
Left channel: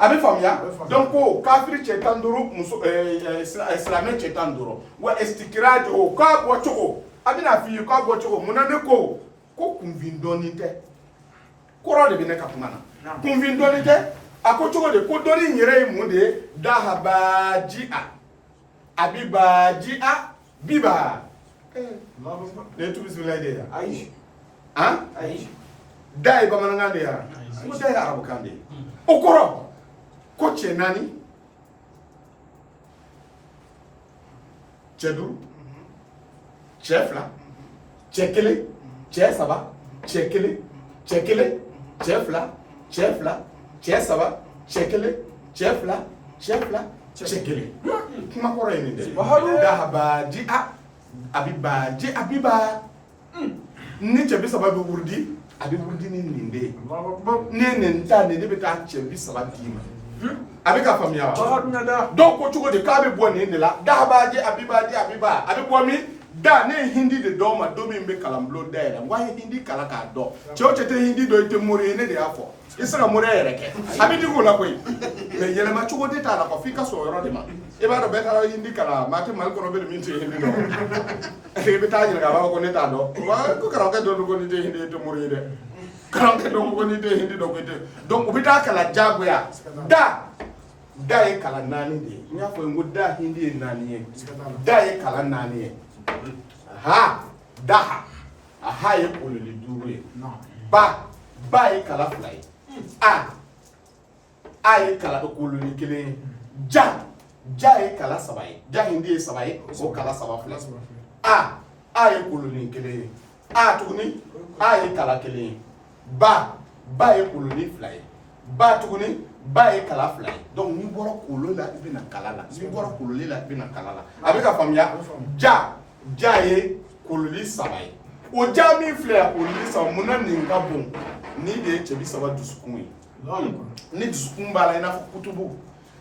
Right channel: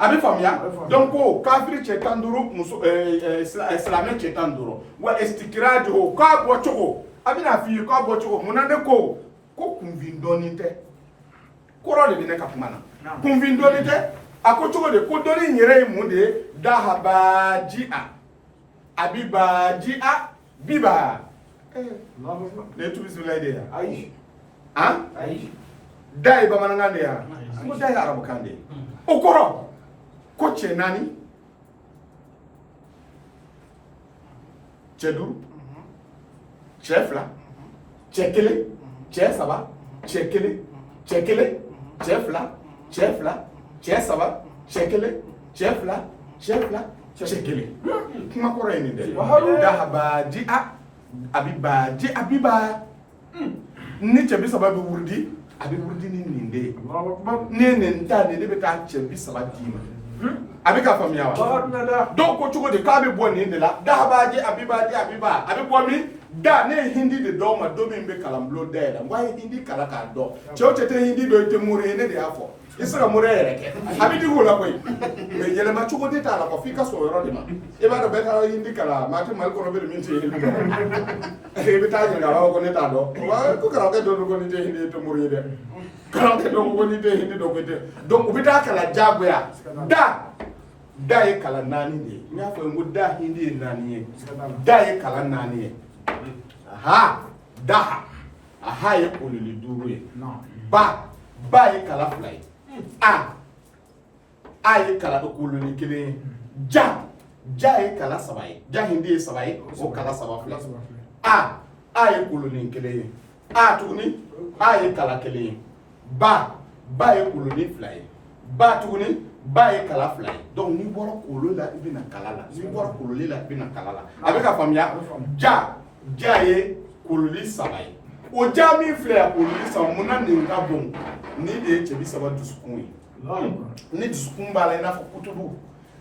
a bɛ faamuya donc ko kafiri cɛ 15 muso silamɛ cɛ 15 wa istikirajo k'a bɔ cogo a bɛna f'i ye k'a bɔ cogo mun na ne ko kunfin dɔɔnin tɛ kɔrɔ de bɛ ne ka kuma na kunfin dɔɔnin tɛ a ko cogo de ko dɔɔnin in yɛrɛ ye mun de ye dahabaji'a abibaji'a biba ne ye tubisila de ye ayi ayi da ye bamanankan de ye ko da ye arabukan de ye o kɔrɔ ko cɛ 4 cɛ 5 cɛ 2 cɛ 1 cɛ 3 cɛ 1 cɛ 1 cɛ 2 cɛ 2 cɛ 3 cɛ 1 cɛ 2 cɛ 2 cɛ 1 kuma kɔrɔ ye nin dɛ dahabaji'a abibaji'a biba ni cɛ 30 bɛ wurudi a bɛ wurudi ni nin de ye ne nin ta nin ne bɛ taa cɛ 30 d'i ma a bɛ ka faamuya wa dɔw ko cogo di k'a bɛ bɔ nin de la dahabaji abibaji abiba a bɛ bɔ min da ne ye hindi de dɔw ma don min bɛ kalanbulon da yɛlɛ n ko a ye hindi kalan k'a dɔn cɛ o cɛ tɛ hindi dɔn i tɛ mori ye ne de y'a fɔ i se ka mori yɛrɛ kɛ a bɛ digi o la koyi mais yɛlɛma cogo de t'a la quoi f'i ka sɔn o yɔrɔ de ma i b'a dɔn bɛɛ taara hindi kalan maa tɛ Mali kɔnɔ bɛ min tɛ hindi dɔn i bɛ taa ɲininka a b'a fɔ ko ne t'a dɔn wa ko karamɔgɔkɛ dɔ don ko nin tɛ hindi i tɛ mori ye dɛ karamɔgɔkɛ dɔ ko nin tɛ hindi dɔn ko i tɛ donc u bɛ taa kalan diyagoya da ye kalan 4 de ye n y'a fɔ n ko da hindi ye 4 ye da ye kalan 4 ye aha ye kololi 5 ye ba ye kalan 2 ye a ye kalan kololi 1 ye ja ye kalan 3 ye ja hindi ye 3 ye o kalan 3 filɛ a ye kololi 1 ye tuguni a ye kalan 1 ye ba ye kololi 2 ye tuguni ba ye kalan 2 ye donc n'i bɔra kololi la i bɛna kalan la n'i bɔra kololi la i bɛna kalan la a bɛ ka faamuya ja ye kololi 3 ye o ja min filɛ yan kololi 3 mun na nin ka bon ni de ye cɛ 30 dusukun ye ni dusukun b'a la i n'a fɔ kutubu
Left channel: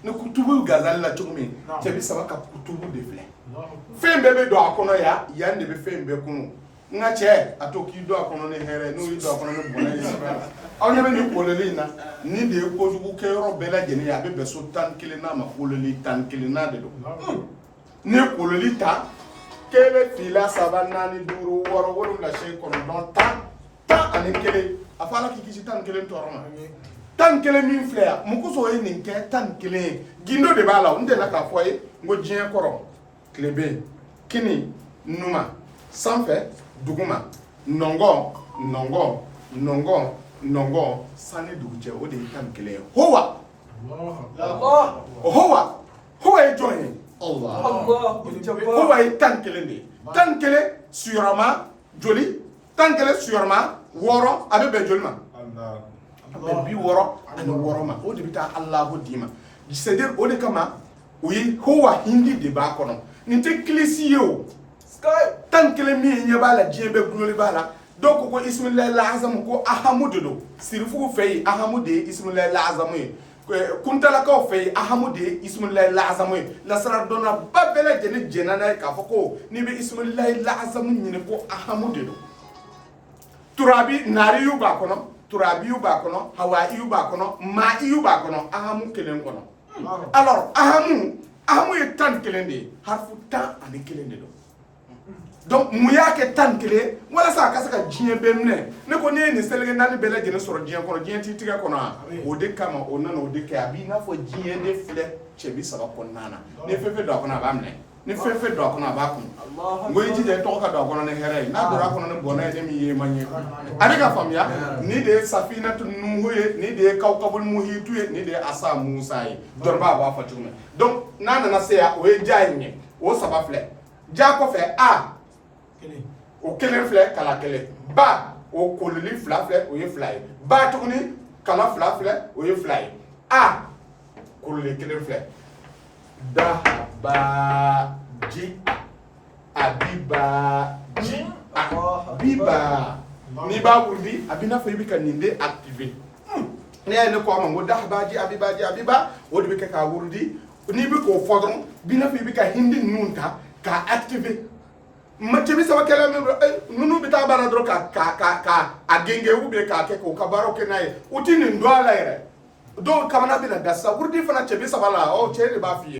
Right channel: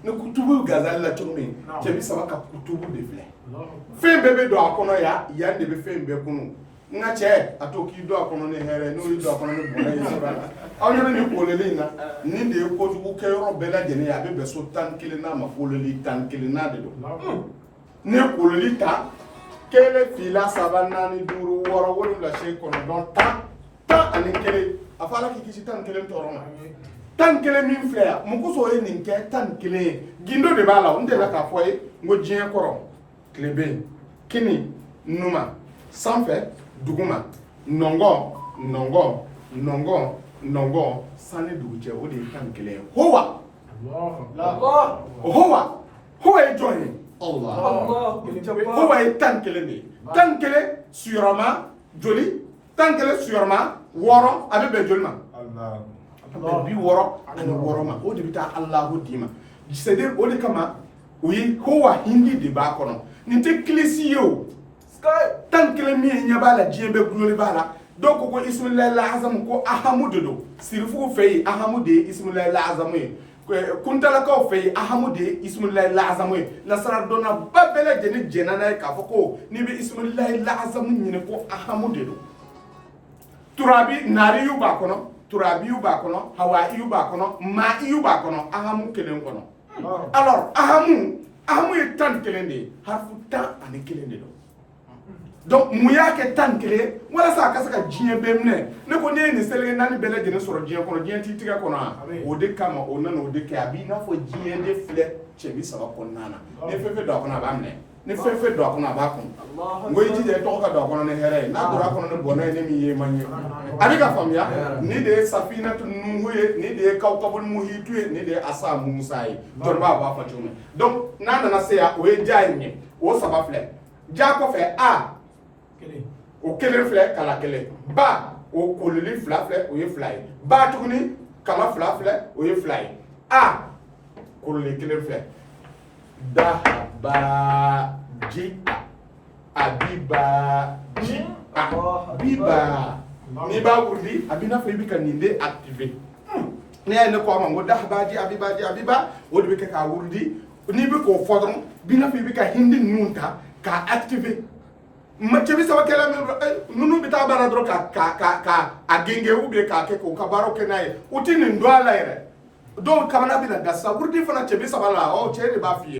ni kutubu gazali la cogo min cɛ 30 ka kutubu de filɛ fɛn bɛɛ bɛ don a kɔnɔ yan de bɛ fɛn bɛɛ kunu n ka cɛ a to k'i don a kɔnɔ ni hɛrɛ n'o y'i don a kɔnɔ ni bɔnɛ ye sira la aw ɲɛ bɛ nin kololi in na ni de ye kojugu kɛ yɔrɔ bɛɛ lajɛlen ye a bɛ bɛn so 11 n'a ma kololi 11 n'a de don ne kololi ta 1 fila 3 4 5 6 7 8 9 10 ani 1 a fɔ ala k'i kisi 11 tɔɔrɔ ma 11 min filɛ yan mun kosɔn ye nin kɛ 11 ye gindo de b'a la n delila k'a fɔ ye n ko diɲɛ kɔrɔ tile bɛ yen kini numa sanfɛ duguma nɔngɔn sani dugu cɛ o de ye 11 ye howa ye jɔn ye Allah howa ye 11 de ye 11 suyɔrɔma joli 11 suyɔrɔma 6 a bɛ bɛn joli ma a bɛ 60 ani 6 ma o de bɛ taa Allahu d'i ma c'est à dire o de kama o ye howa hindi de b'a kɔnɔ nin tɛ kilisi ye o 11 min ɲɛ b'a la diɲɛ bɛɛ guloli b'a la dɔw ko ismullahi al-azam ko ahamu de don sirifugu fɛ yen ahamu de ye ismullahi al-azam ye kuntalakaw fɛ yen ahamu de ye ismullahi al-azam ye nasaradonna ba bɛɛ lajɛlen jɛnna n'a ye k'a fɔ ko n'i bɛ ismullahi al-azam ɲini ko ahamu de don turabi naariyu b'a kɔnɔ turabiyu b'a kɔnɔ hawaiyu b'a kɔnɔ ma'iyu b'a kɔnɔ ahamu kelen kɔnɔ alors ahamu ye 11 de ye harfu 11 de don donc mun y'a kɛ 11 walasa a ka se ka diɲɛ bɛɛ minɛ ne ko ne ye nin seleke 4 bɛɛ lajɛlen sɔrɔ diɲɛ kɔnɔ diɲɛ t'i tigɛ kɔnɔ o de kama o nana o de kɛ a b'i n'a fɔ diɲɛ de filɛ cɛ 30 kɔnɔna na ni fɛn fɛn don a kɔnɔ a b'a minɛ ni fɛn fɛn don a kɔnɔ a b'a kɔnɔ n ko i jija i tɔgɔ ka don a kɔnɔ ni hɛrɛ ye n'a donna a kɔnɔ ni bɔnɛ ye ne min ye ma ɲɛ a bɛ ka faamuya ni de ye safinatu nuhu ye ni de ye kawkabul muhitu ye ni de ye asa musa ye jɔn b'a fɔ cogo min donc n'a nana se yan o ye ja ye ɲɛ o 3 filɛ ja kɔfɛ o 1 filɛ kala 1 ba o kololi 2 filɛ o ye 2 ye ba tuguni kala 2 filɛ o ye 2 ye kololi 1 filɛ dahabaji abibaji abiba n'i b'a wuli a b'i n'a fɔ i bɛ ka nin de activer n'i y'a ye ne ko a ma n ko dahabaji abiba o de bɛ kɛ k'a wurudi n'i bɛ k'o fɔ dɔrɔn b'i n'a fɔ i bɛ ka hindi ninnu ta k'a activer cɛ 30 kɛlɛ min ninnu bɛ taa baara dɔrɔn ka genge ou bien k'a kɛ k'u ka baaraw kɛ n'a ye u tɛ nin dɔn a la yɛrɛ dɔw kamana bɛ na da sisan wurudi fana cɛ 30 la cɛ de b'a f'i ye